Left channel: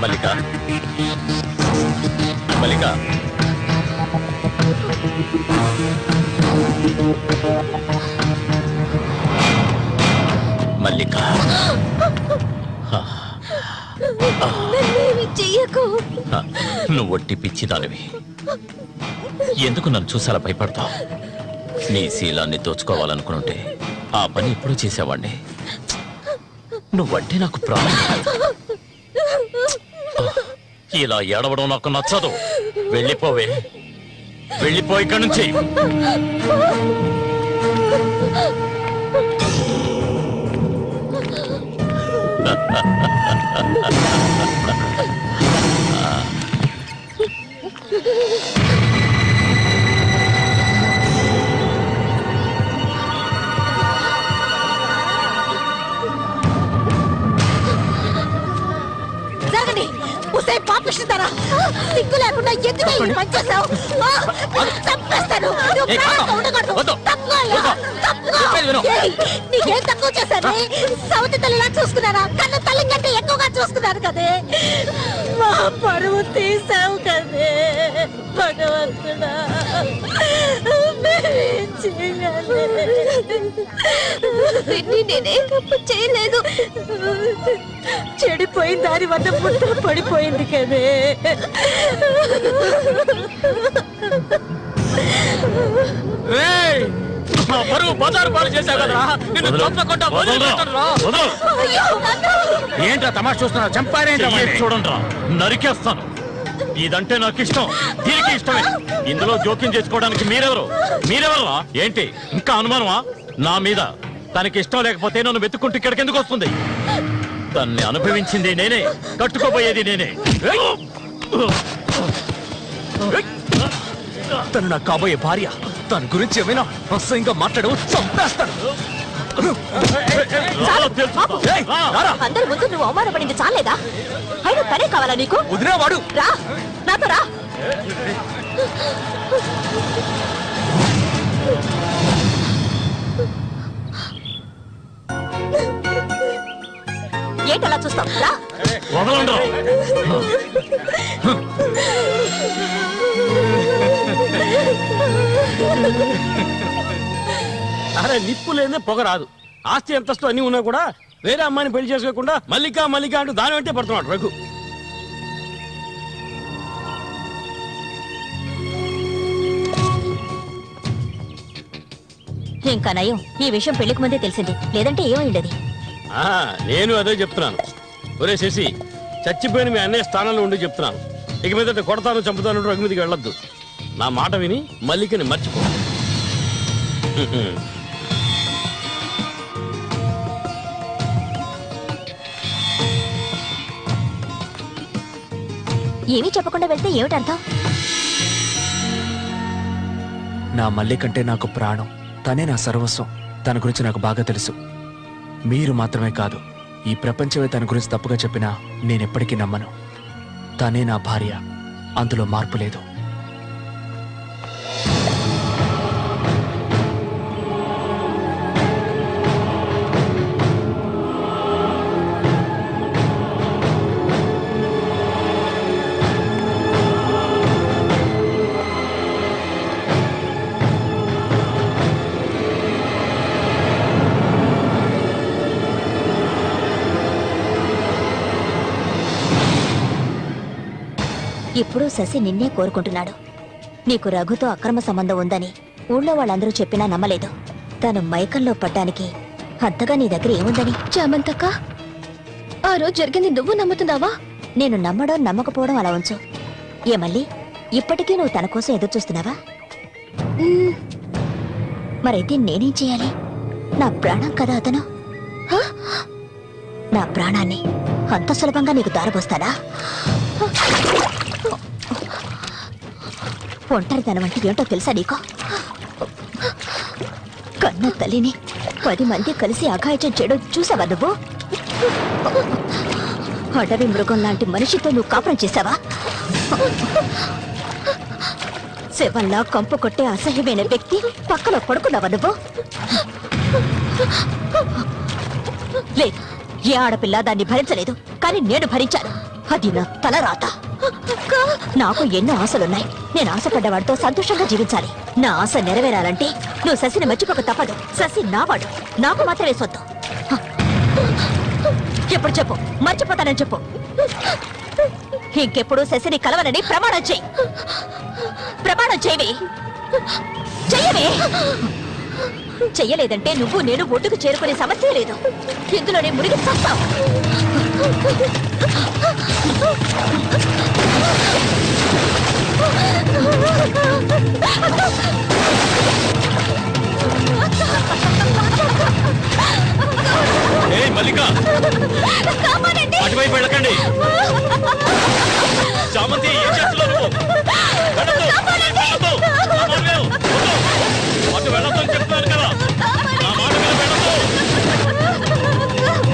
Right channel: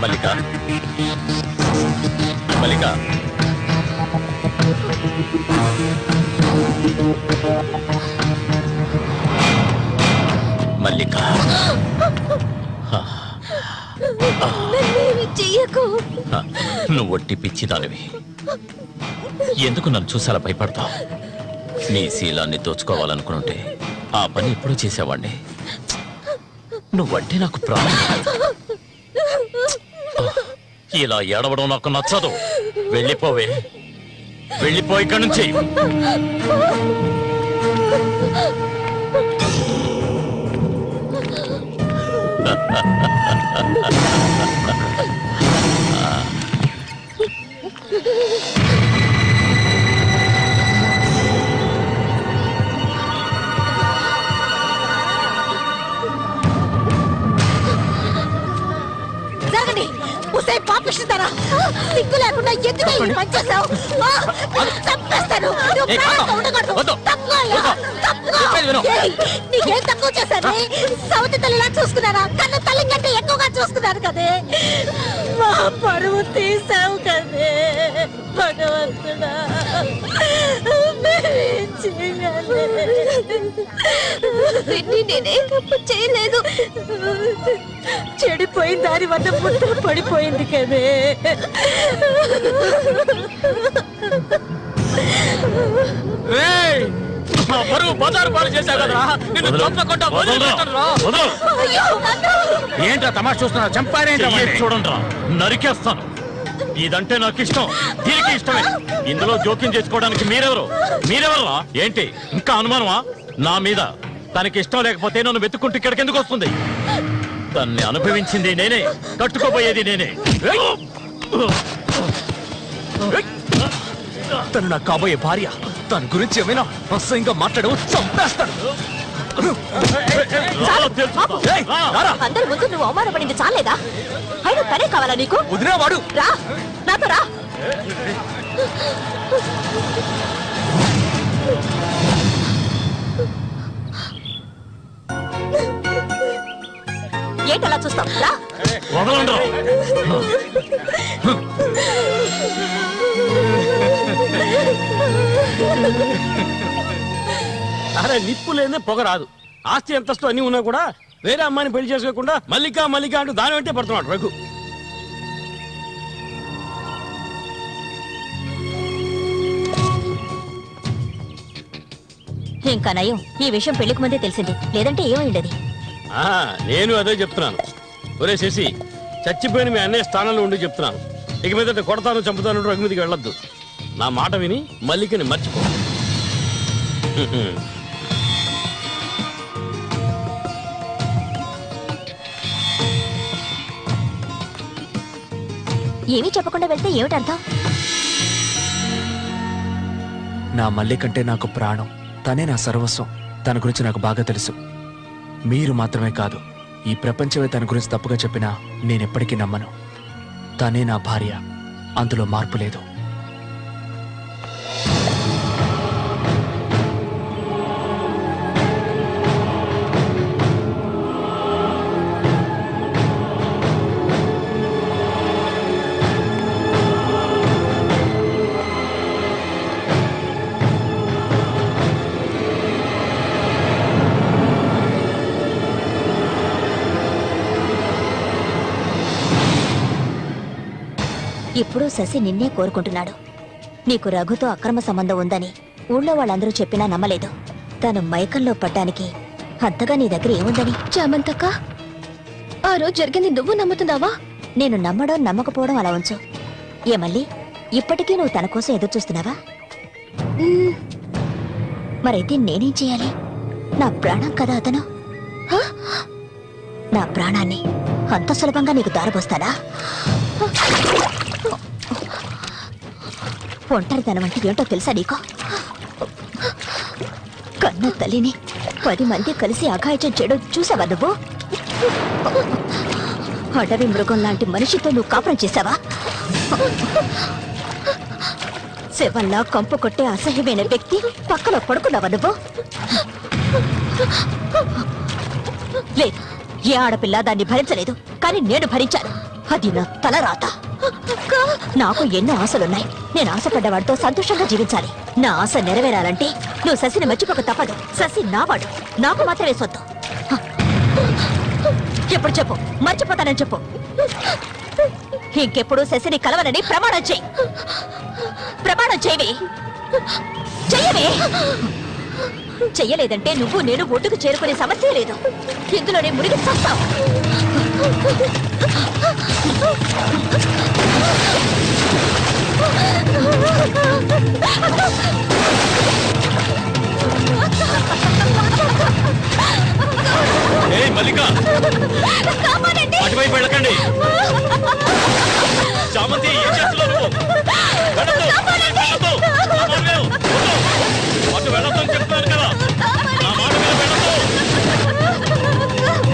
మల్లిక మల్లిక మల్లిక నువ్వు ఒట్టి పిచ్చిదానివి. ఎందుకు నన్ను చూసేలా భయపడతావు? నీ శీలాన్ని దోచుకోవాలనుకుంటే ఆ పని ఎప్పుడూ చేసేవాడిని. నువ్వంటే నాకు ప్రాణం. ఇలా ఏడవడం నాకు నచ్చదు. వెళ్ళిపోవే, వెళ్ళిపో ఇక్కడి నుంచి. పాపిస్తారా? సిగ్గు లేకుండా ఎందుకు పనిచేస్తావు? చంపేస్తాను. నీకేం తక్కువ చేశాను? సౌతి తల్లిలా చూసుకున్నారా? కన్ను తల్లి కంటే ఎక్కువగా చూసుకున్నారు కదే. మా పరువు తీసావు కదే భగవంతుడా. నేనే చేయలేదు. చెడిపోయిన దాని వద్ద పుట్ట పడిపోయింది కదే. ఏంటా తమాషా చూస్తున్నా? చంపారేంటి? చూడండి, నరికేస్తాను. ఇదంటే నాకు ఇష్టం, దీనికి ఇష్టమే. ఇందులో జోక్యం చేసుకోవడానికి మీరెవరా? ఏంటి ఇంకా అనుమానమా నా మీద? తనకి ఇష్టం లేకపోతే నన్ను వెతుక్కుంటూ ఇక్కడికి ఎందుకు వస్తుంది? తన్ని అనుభవించింది నేనే, కట్టుకోబోయేది నేనే. తను నాకు కాబోయే భార్య. తన గురించి ఏమైనా అసహ్యంగా మాట్లాడు, చంపేస్తాను. అందరి ముందు నువ్వు అవమానపడింది చాలేదా? అయినా తనే కావాలా నీకు? వదిలేవాడు. రా నాతో రా. ఏంటలా చూస్తావు? రా. అరే నిప్పు లేదే పొగ రాదు. ఆస్తి అంతస్తు అన్ని ఉన్నా కూడా వేరే అమ్మాయిని పెళ్లి చేసుకోకుండా మల్లిక అంటూ దాని వెంటే పడుతున్నాడు రఘు. ఇంకా నయం ఈ విషయం పెళ్లికి ముందే తెలిసింది, లేదంటే ఏమైండేది. నేను అదే చెప్తున్నాను. ఒరే శశి, చచ్చిపోయిన మీ అన్నయ్య స్థానంలో ఉండి చెప్తున్నాను. ఇక మీద కొడతాను చంపుతాను రఘు మీదకి వెళ్ళొద్దు. నా మాట విని మల్లికని మర్చిపో. ఏమీ చెప్పకుండా వెళ్తే ఏమిటర్థం? నా మల్లికంటే నాకు ప్రాణం. తనే నా సర్వస్వం. తన గురించి నాకు బాగా తెలుసు. మీరు మాత్రమే కాదు, ఈ ప్రపంచమే తన గురించి తప్పుగా చెప్పినా నేనెప్పటికీ నమ్మను. తనే నా భార్య, అందులో మార్పు లేదు. ఇప్పుడు శశి నిన్నే కోరుకుంటున్నాడు. నీకు రఘుతో అక్రమ సంబంధం ఉందని ఊళ్ళో వాళ్ళందరూ చెప్పినా నమ్మలేదు. తను మైకంలో పడ్డానికి అంతగా నీ దగ్గర ఏముందని? చామంతక్క, ఆ రోజు జరిగింది నువ్వు నమ్ముతున్నావా? నేను నమ్మడం నమ్మకపోవడం అలా ఉంచు. ఏమల్లి, ఇప్పటికీ నువ్వు తన కోసం ఎదురు చూస్తున్నావా? మరైతే నేనేం చేయాలి? నా ప్రాణం కదా అతను. నా ప్రాణాన్ని అంత సులభంగా నీకు దారబోస్తానా? ఒంటరితనం అంటే ఏంటో తెలుసా నీకు? కన్న తల్లిని 10 మంది కలిసి అఘాయిత్యం చేయడం చూసావా నువ్వు? అడవి మృగం లాంటి మనిషితో నువ్వు కాపురం చేశావా? శవంలా కంపు కొట్టే అసహ్యమైన వ్యక్తి పక్కలో పడుకున్నావా నువ్వు? లేదు, ఏ ఆడపిల్ల దాన్ని భరించలేదు, కానీ నేను భరించాను. అది నా తలరాత. నాకు ఎన్నో ఆశలున్నాయి. నేను ఆశపడ్డవాడితో సంతోషంగా జీవించాలి. నా ఆశ నెరవేరాలంటే నువ్వు శశిని మర్చిపోక తప్పదు. శశి నావాడు, నాకు మాత్రమే సొత్తు. ఎప్పుడు చెప్పు, మర్చిపోతానని చెప్పు. ఇంకెప్పుడు శశిని కలవనని ప్రమాణం చేయి. ప్రమాణం చేయవే, చెయ్యవే. చెయ్యలేదంటే నువ్వు నేను ఒడ్డుకు చేరుకునే సమస్య లేదు. ఇందులోనే మునిగి చూస్తావు. మల్లిక, అటువైపు వెళ్ళకండి. చామంతి, ఏం చేస్తున్నావు నువ్వు? అటు వెళ్ళొద్దని చెప్తున్నాను కదా. నా మాట వెళ్ళొద్దు.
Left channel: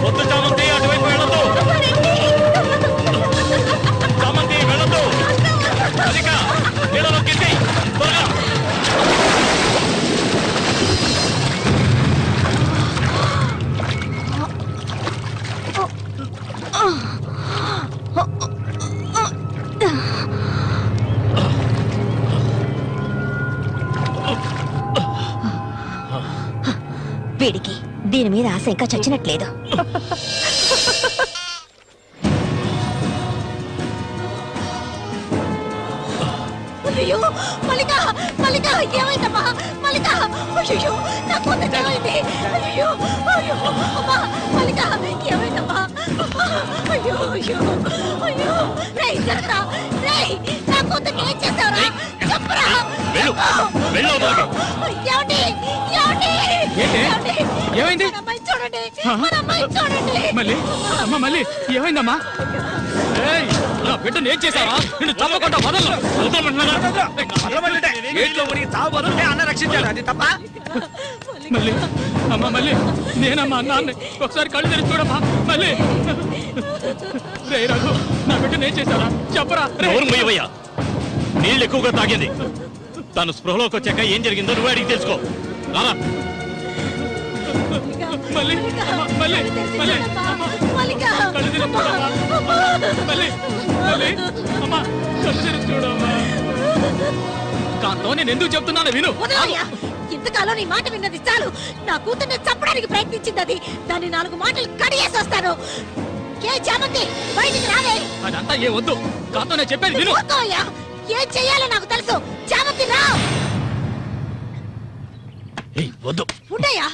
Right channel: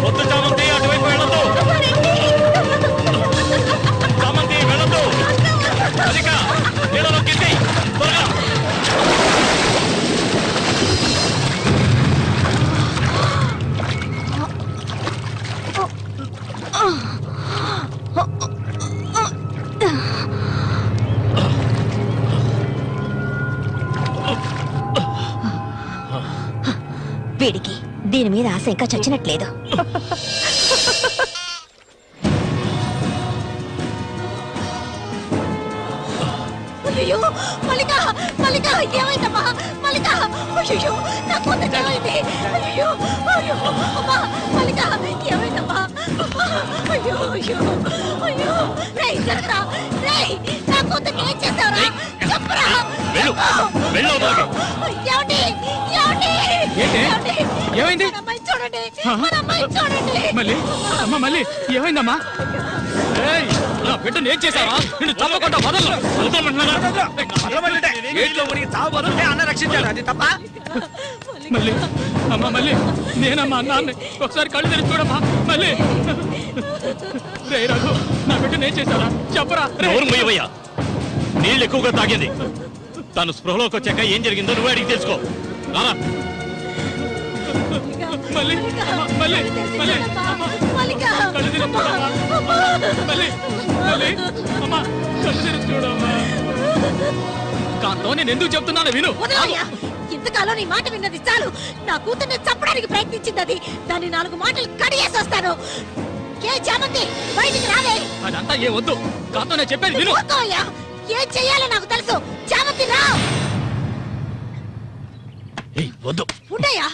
వద్దు చామంతి, అటువైపు వెళ్ళొద్దు. చామంతి, వెళ్ళొద్దు. మల్లిక, నీళ్ళలో కింది త్వరగా. వీడికి దీని మీద ఆశ ఇంకా చచ్చినట్లేదు. అయ్యో మల్లిక, మల్లిక, ఏమైందమ్మా మల్లిక? అయ్యో నా కూతురు ఏమైంది? అయ్యో అయ్యో అమ్మా మల్లిక, ఏమైందమ్మా? అయ్యో అయ్యో అయ్యో, రేయ్ జరగరా, రేయ్ నా కూతురు ఏం చేశారా? చెప్పరా. వెళ్ళు, వెళ్ళు లోపలికి. ఏమండి, ఏమండి, ఏంటి? ఏమైంది? మన అమ్మాయి చూడండి, మన అమ్మాయి చూడండి. మళ్ళీ అమ్మ, మళ్ళీ ఏమైందమ్మా? ఏయ్, నా బిడ్డను ఏం చేశావా? నిన్ను తప్పకుండా వదలను. అన్న రక్షించాడు, అది తప్ప. మళ్ళీ అమ్మ, మళ్ళీ నేనమ్మా అన్నాన్ని ఒకసారి కళ్ళు తెరిచి చూడమ్మా. మళ్ళీ రే రఘు, నా బిడ్డను ఏం చేశారా? చెప్పరా. నోరు మూయవయ్యా. నీళ్ళు ఎక్కువగా తాగేది. తను స్పృహలోకి వచ్చాక ఏం జరిగిందో నువ్వు అడిగి తెలుసుకో. రారా. మళ్ళీ మళ్ళీ మళ్ళీ మల్లిక, కళ్ళు తెరిచి చూడమ్మా. మళ్ళీ మళ్ళీ అమ్మా, కళ్ళు తెరిచి చూడమ్మా. కాంతో నేను ఎందుకు చెప్తున్నాను విను. వదలయ్యా. ఇంతకాలం నీ మాట విన్నది చాలు. నా కూతుర్ని చంపడానికి ప్రయత్నించింది అది. దాన్ని 4 మాటలు కడిగేసి వస్తాను. ఏ చామంతి, బయటికి రాలే. అదంతా ఏ వద్దు. కాంతో నేను చెప్పేది విను. వదలయ్యా. ఏం చెయ్యాలో నాకు తెలుసు. చామంతి రా. వద్దు. ఉండయ్యా.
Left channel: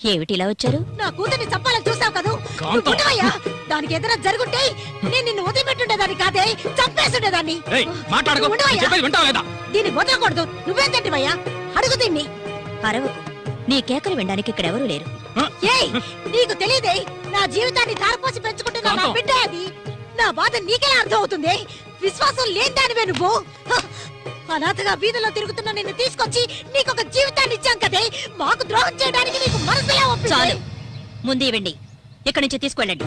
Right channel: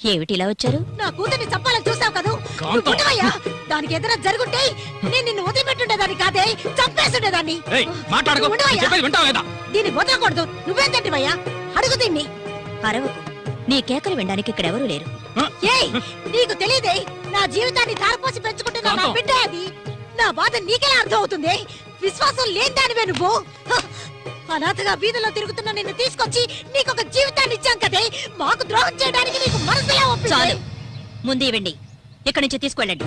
ఏమిటి ఇలా వచ్చారు? నా కూతుర్ని చంపాలని చూసావు కదా. నువ్వు ఉండవయ్యా. దానికి ఏదైనా జరుగుంటే నేను నిన్ను వదిలిపెట్టుండేదాన్ని కాదే, చంపేసుండేదాన్ని. మాట్లాడుకో. ఉండవయ్యా. చెప్పేది వింటావా లేదా? దీన్ని వదలకూడదు. నువ్వేం తింటివయ్యా? అడుగు దీన్ని. అరవకు. నీ కేకలు వినడానికి ఇక్కడ ఎవరూ లేరు. ఏయ్, నీకు తెలియదే, నా జీవితాన్ని ధారపోసి పెంచుకుంటున్నా నా బిడ్డ అది. నా బాధ నీకెలా అర్థం అవుతుంది? విశ్వాసం లేదానివే నువ్వు. అనాథగా వీధిలో తిరుగుతున్న నిన్ను తీసుకొచ్చి నీకొక జీవితాన్ని ఇచ్చాం కదే. మాకు ద్రోహం చేయడానికి నీకు మనసులా ఒప్పింది. ముందు ఇవ్వండి, ఇక్కడి నుంచి తీసుకెళ్ళండి.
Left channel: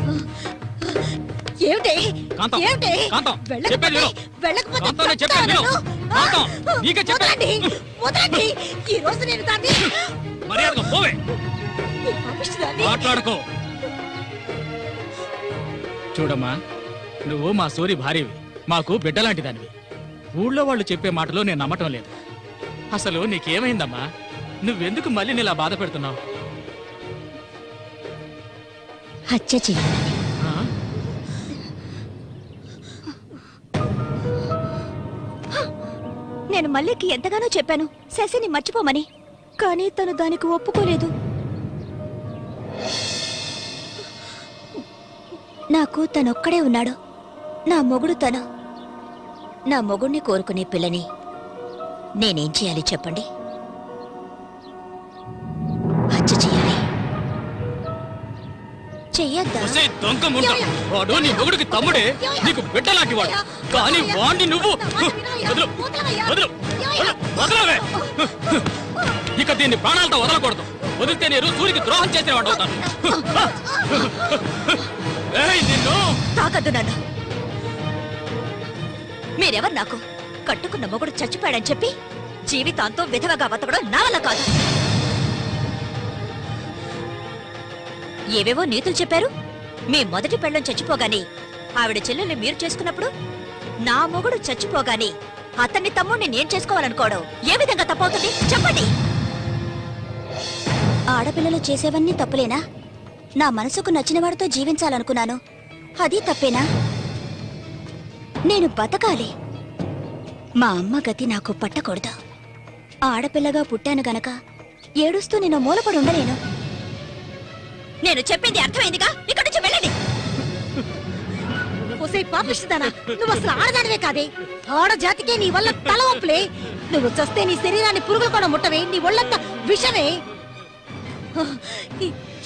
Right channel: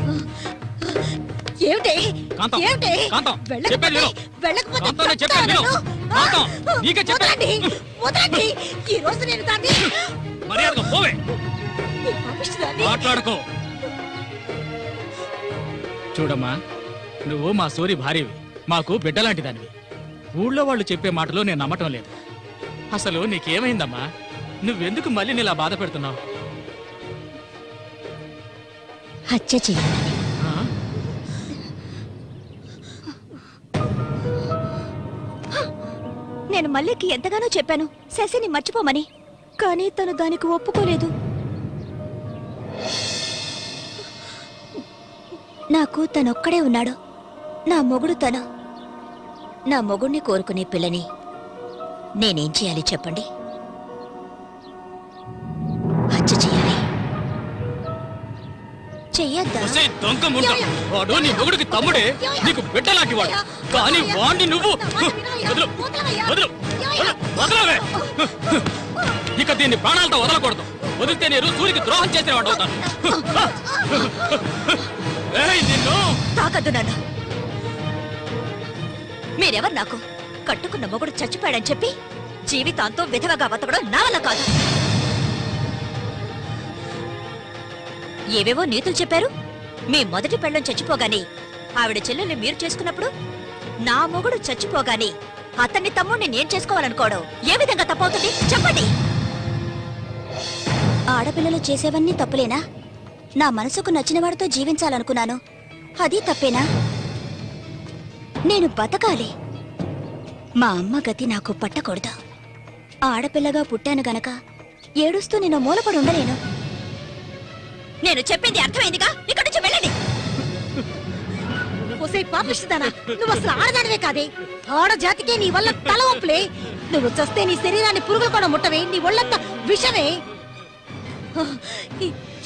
ఏమిటి కాంతం, ఏమిటి? కాంతం, వెళ్ళకపోతే చెప్పేది విను. వెళ్ళకపోతే కాంతం, నేను చెప్పేది విను. చెప్తాను. కాంతం, నీకే చెప్పేది. వదలండి, వదలండి. ఈ రోజు నేను దాన్ని మర్యాదగా పోవే. ఈ పాపిష్టిదాన్ని మాట్లాడుకో. చూడమ్మా, నువ్వు మా సూరి భార్యవి, మాకు బిడ్డలాంటి దానివి. ఊళ్ళో వాళ్ళు చెప్పే మాటలు నేను నమ్మటం లేదు. అసలు నీకేమైందమ్మా? నువ్వెందుకు మళ్ళీ నీలా బాధ పెడుతున్నావు? హత్య చేయాలి. నేను మల్లికి ఎంతగానో చెప్పాను శశిని మర్చిపోమని, కానీ తను దానికి ఒప్పుకోలేదు. నాకు తనొక్కడే ఉన్నాడు. నా మొగుడు తను. నా మొగుడిని కోరుకునే పిల్లని నేనేం చేయాలి చెప్పండి? హత్య చేయాలి. చెయ్యొద్దా? ఒసేయ్ దొంగ ముందు, వాడు నీ మొగుడికి తమ్ముడే, నీకు బిడ్డలాంటి వాడు. కానీ వాణ్ణి నువ్వు వదలు, వదలు, వదలవే. ఇక దీన్ని ప్రాణాలతో వదలకూడదు. వదిలితే నేను సూరికి ద్రోహం చేసిన వాడు అవుతాను. ఏయ్, నిన్ను తాకద్దు నన్ను. మీరెవరు నాకు? కట్టుకున్న మొగుడు చచ్చిపోయాడని చెప్పి జీవితాంతో విధవగా బతకడం నా వల్ల కాదు. ఏవేవో నీతులు చెప్పారు. మీ మొదటి పెళ్ళం చచ్చిపోగానే ఆవిడ చెల్లెల్ని మీరు చేసుకున్నప్పుడు నా మొగుడు చచ్చిపోగానే అతన్ని తమ్ముడిని నేను చేసుకోవాలనుకోవడం ఏ విధంగా తప్పవుతుంది చెప్పండి. ఆడపిల్లలు చేసేవన్నీ తప్పులేనా? నా మనసుకు నచ్చిన వాడితో జీవించాలనుకున్నాను, అది తప్పేనా? నేను బతకాలి. మా అమ్మ గతి నాకు పట్టకూడదు. ఆడపిల్లగా పుట్టాను గనక ఏడుస్తూ నేను మూలపడి ఉండలేను. నేను చెప్పింది అర్థమైందిగా, ఇక్కడి నుంచి వెళ్ళండి. పాపిస్తానా? నువ్వు అసలు ఆడదానివే కాదే. ఆడజాతికే నీ వల్ల తల ఒప్పులే. నువ్వు చస్తే నీ శరీరాన్ని పురుగులు కూడా ముట్టవే. నీ ఒళ్ళంతా విషమే.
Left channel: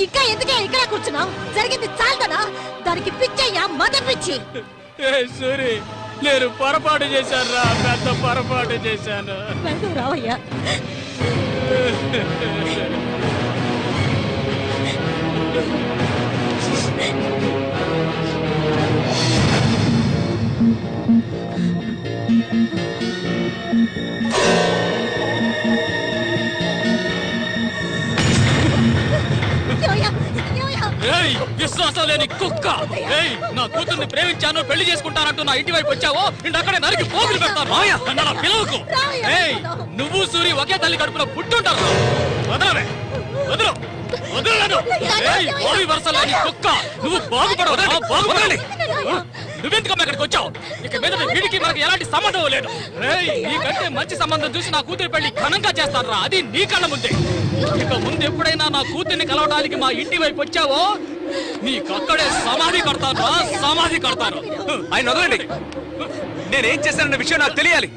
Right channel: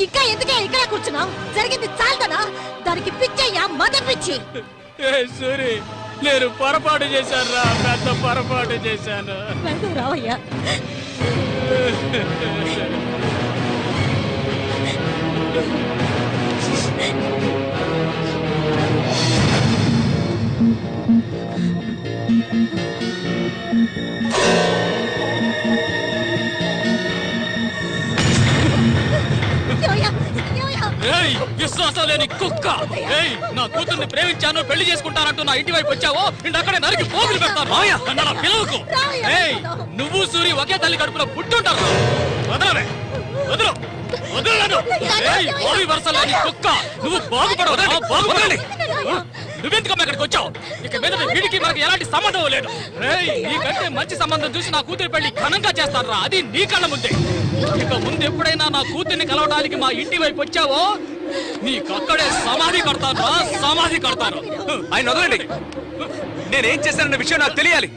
ఇంకా ఎందుకే ఇక్కడే కూర్చున్నావు? జరిగింది చాలుదనా? దానికి పిచ్చయ్యా, మద పిచ్చి. సూరి, నేను పొరపాటు చేశాను రా, పెద్ద పొరపాటు చేశాను. రావయ్యా. విశ్వాసం లేని కుక్క. నా కూతుర్ని ప్రేమించాను, పెళ్లి చేసుకుంటానంటూ నా ఇంటి వైపు వచ్చావో ఇంటి అక్కడే నరికి పోగులు పెడతాను. పిలవకు. నువ్వు సూరి ఒకే తల్లి కడుపులో పుట్టుంటారు. వదలవే, వదలు, వదలను. బావి వరుస లేని కుక్క, నువ్వు బాగుపడవు. బాగుపడాలి. నువ్వెందుకమ్మ ఇక్కడికి వచ్చావు? ఇక మీద వీడికి మనకి ఎలాంటి సంబంధం లేదు. నీకంటే మంచి సంబంధం చూసి నా కూతురి పెళ్లి ఘనంగా చేస్తారా, అది నీ కళ్ళ ముందే. ఇక ముందు ఎప్పుడైనా నా కూతుర్ని కలవడానికి మా ఇంటి వైపు వచ్చావో నీకక్కడే సమాధి కడతాను, సమాధి కడతాను. ఆయన వదలండి. నేనేం చేశానన్న విషయం నాకు తెలియాలి.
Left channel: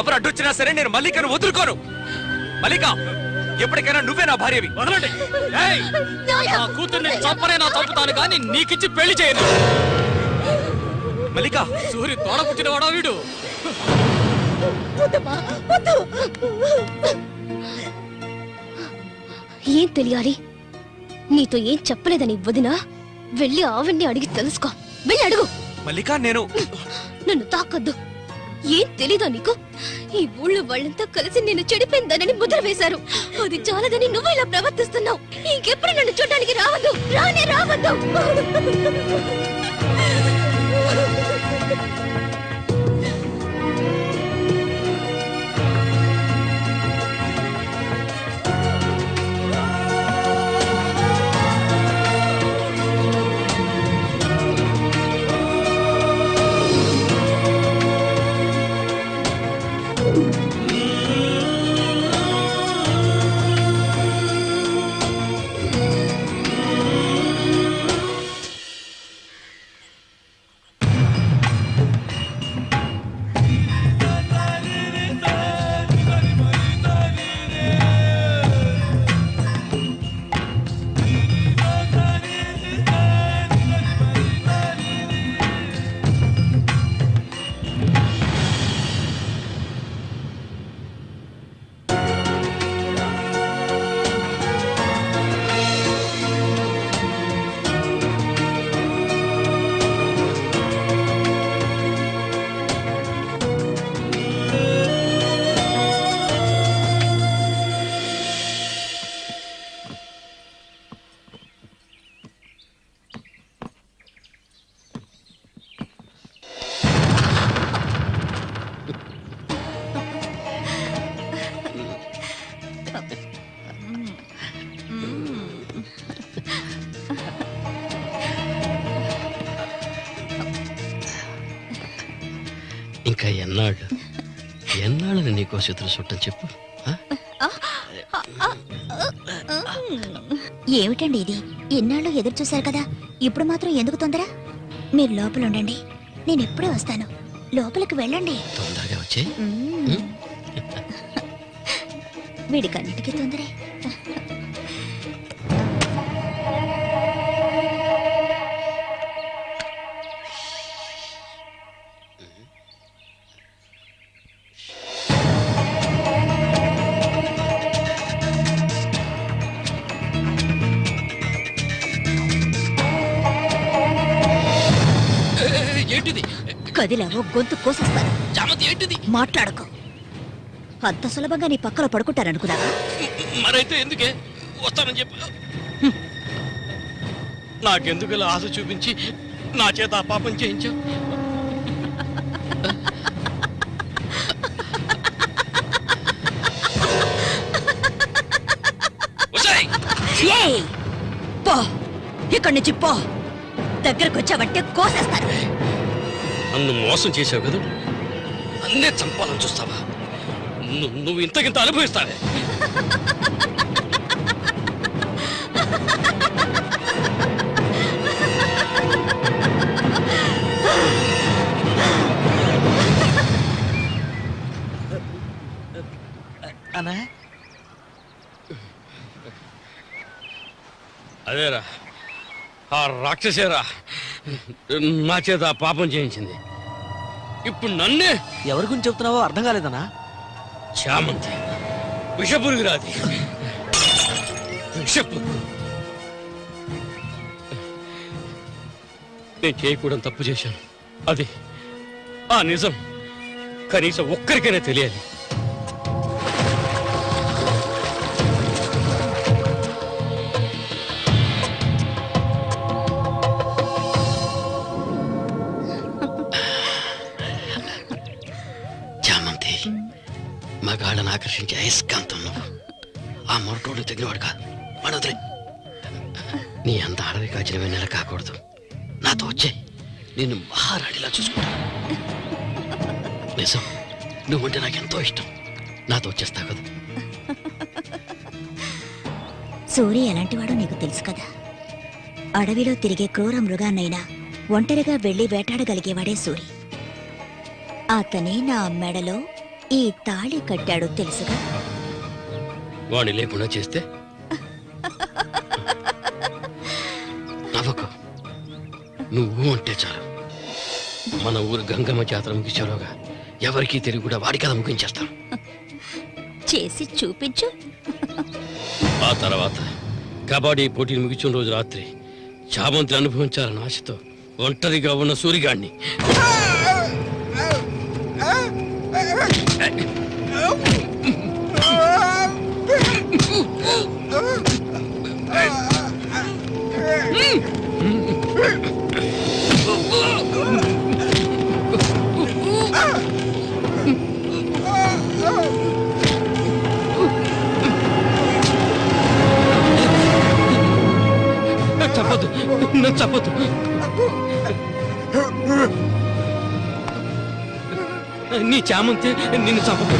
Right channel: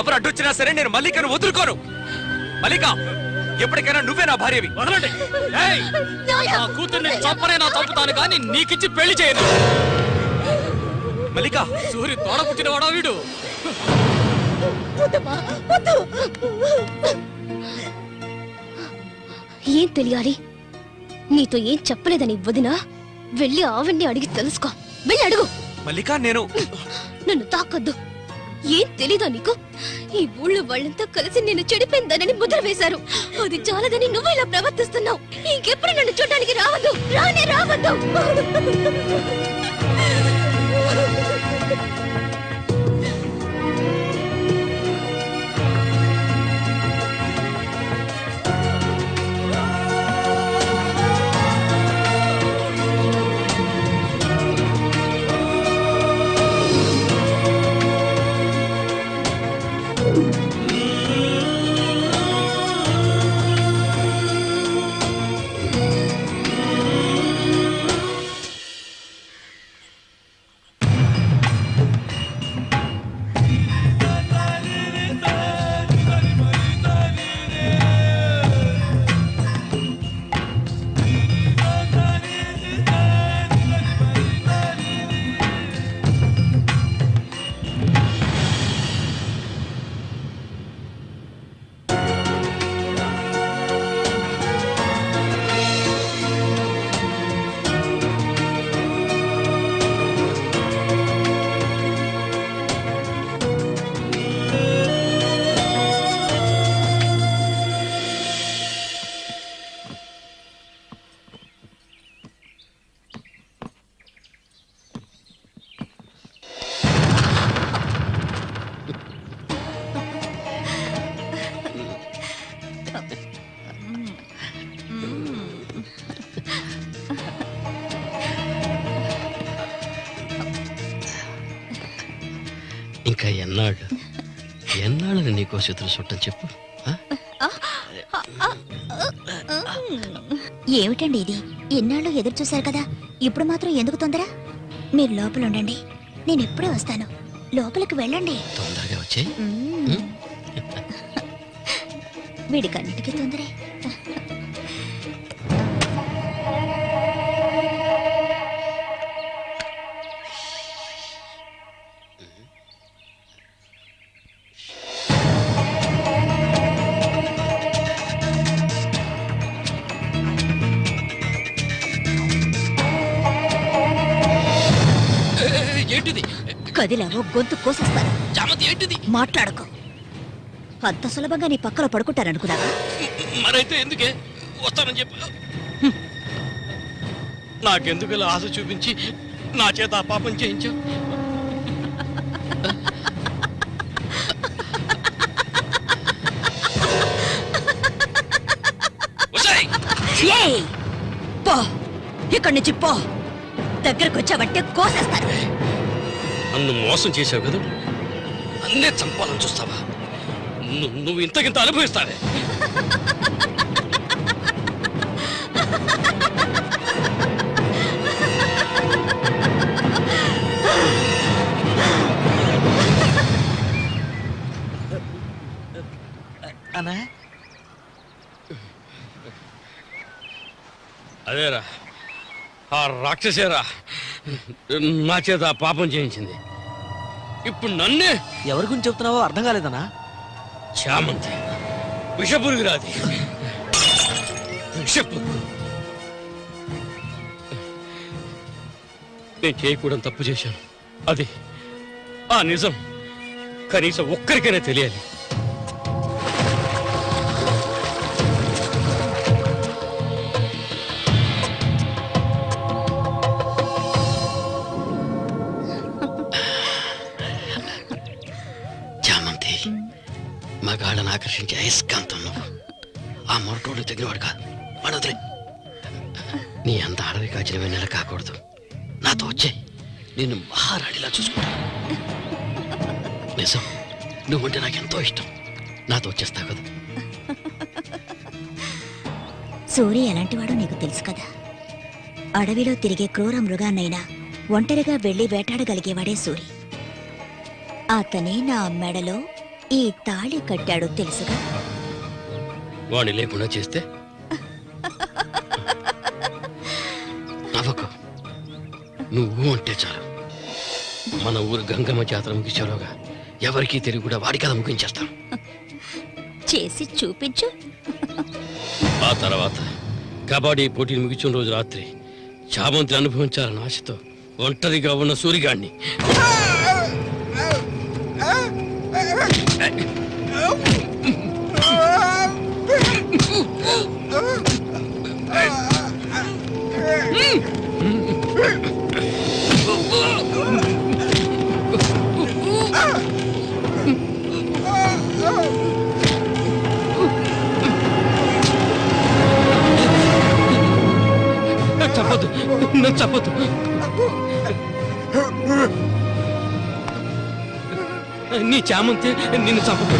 ఎవరు అడ్డొచ్చినా సరే నేను మల్లికను వదులుకోను. మల్లిక, ఎప్పటికైనా నువ్వే నా భార్యవి. వదలండి. నా కూతుర్ని చంపనైనా చంపుతాను కానీ నీకిచ్చి పెళ్లి చేయను. మల్లిక, సూరి తోడ పుట్టిన వాడా వీడు. ఏం తెలియాలి? నీతో ఏం చెప్పలేదని వదినా. వెళ్ళి ఆవిడ్ని అడిగి తెలుసుకో. వెళ్ళి అడుగు. మల్లిక, నేను నన్ను తాకొద్దు. ఏం తెలీదా నీకు? ఈ ఊళ్ళో వాళ్ళంతా కలిసి నేను చెడిపోయిందనని ముద్ర వేశారు. అది చాలదని నువ్వు ఇలా ప్రవర్తిస్తున్నావు. ఇంకెప్పుడు నన్ను చూడడానికి రావద్దు, రానే రావద్దు. ఇంకా ఎన్నాళ్ళని నీకో చేతులు చుట్టం చెప్పు. ఏమిటండి ఇది? ఎన్నాళ్ళు ఎదురు చూశారు కదా, ఇప్పుడు మాత్రం ఎందుకు తొందర? మీరు లోపల ఉండండి, నేను ఎప్పుడే వస్తాను. లోపలికి వెళ్ళండి. తొందరగా వచ్చే. వీడికన్నిటికీ తొందరే. ఏంటిది? కదిలావో గొంతు కోసేస్తాను. జామతి ఏంటిది? మాట్లాడకు. అంత సులభంగా నీ పక్కన పడుకుంటారనుకున్నావా? మరైతే ఎందుకే వస్తానని చెప్పి నాకెందుకు ఇలా ఆశ చూపించి నా చేత ఆ పాపం చేయించావు? ఏయ్! పో, ఇక్కడి నుంచి పో. దగ్గరకు వచ్చావంటే కోసేస్తాను. నన్ను మోసం చేసావు కదా, నన్నే చంపాలని చూస్తావా? నువ్వు ఇంతకింత అనుభవిస్తావే. అదేరా ఆ రాక్షసేరా నా చేత ఆ పాపం చేయించింది. ఇప్పుడు నన్నే ఎవరి గురించి చెప్తున్నావో అర్థం కాలేదనా? చామంతి విషపురుగురాది, విషపురుగు. నేను చేయకూడదు తప్పు చేశాను. అది ఆ నిజం కనీసం ఒక్కరికైనా తెలియాలి. చామంతి మగాళ్ళని ఆకర్షించే అయస్కాంతం నువ్వు. ఆ మొరటోడు తగినవాడు కాదు, అడదులే. నీ అంత అడవి కాచిన నెల కాకూడదు. నాతో వచ్చే నిన్ను మహారాణిలా చూసుకుంటా. నిజం, నువ్వుంటే నాకెంతో ఇష్టం. నాతో వచ్చేస్తా కదా. సూరి ఎలాంటివాడో నీకు తెలుసు కదా. అడవిలో తిరిగే క్రూర మృగాన్నైనా ఒంటరిగా వెళ్లి వేటాడగలిగేవాడే సూరి. అతనే నా మెడలో ఈ తాళి కట్టాడు తెలుసుగా. వాణ్ణి లేకుండా చేస్తే నవ్వకు. నువ్వు అంటే చాలు. మన ఊరు గంగమ్మ జాతర ముగించేలోగా ఎవరికీ తెలివి కూడా వాడి కథ ముగించేస్తాం. చేసి చూపించు. ఆ తర్వాత కబడ్డీ పోటీలు ముగించిన రోజు రాత్రి చామంతి అనుభవించాలని ఆశతో ఒంటరిగా ఉన్న సూరిగాడిని చంపదు, నన్ను చంపదు. నీ చామంతి నిన్ను చంపదు.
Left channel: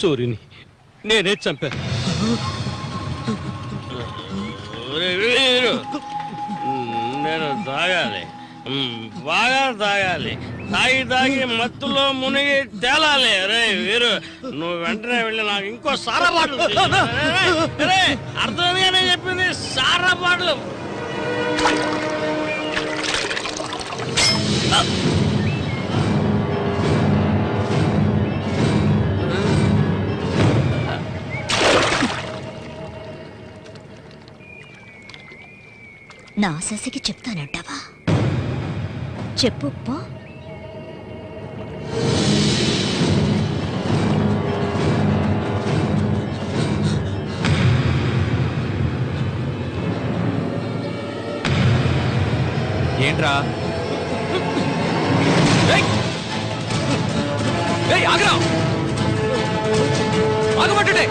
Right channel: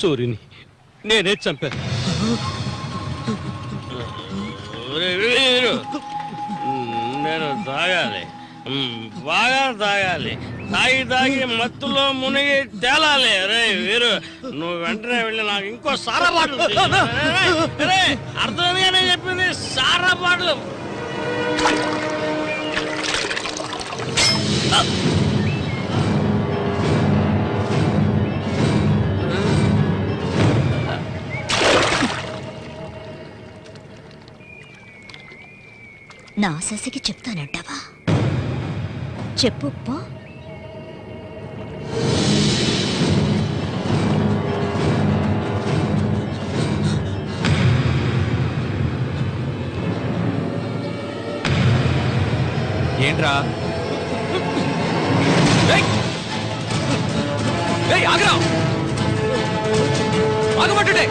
సూర్యుని నేనే చంపాను. నేను తాగాలి, బాగా తాగాలి. తాగి మత్తులో మునిగి తేలాలి. అరే వీరు, నువ్వు వెంటనే వెళ్ళి నాకు ఇంకో సారా బాటలు అర్థమేనే చెప్పింది. సారా బాటలు నా శశికి చెప్తానంటావా? చెప్పు పో. ఏంట్రా? ఆగరా, ఆగమంటుంటే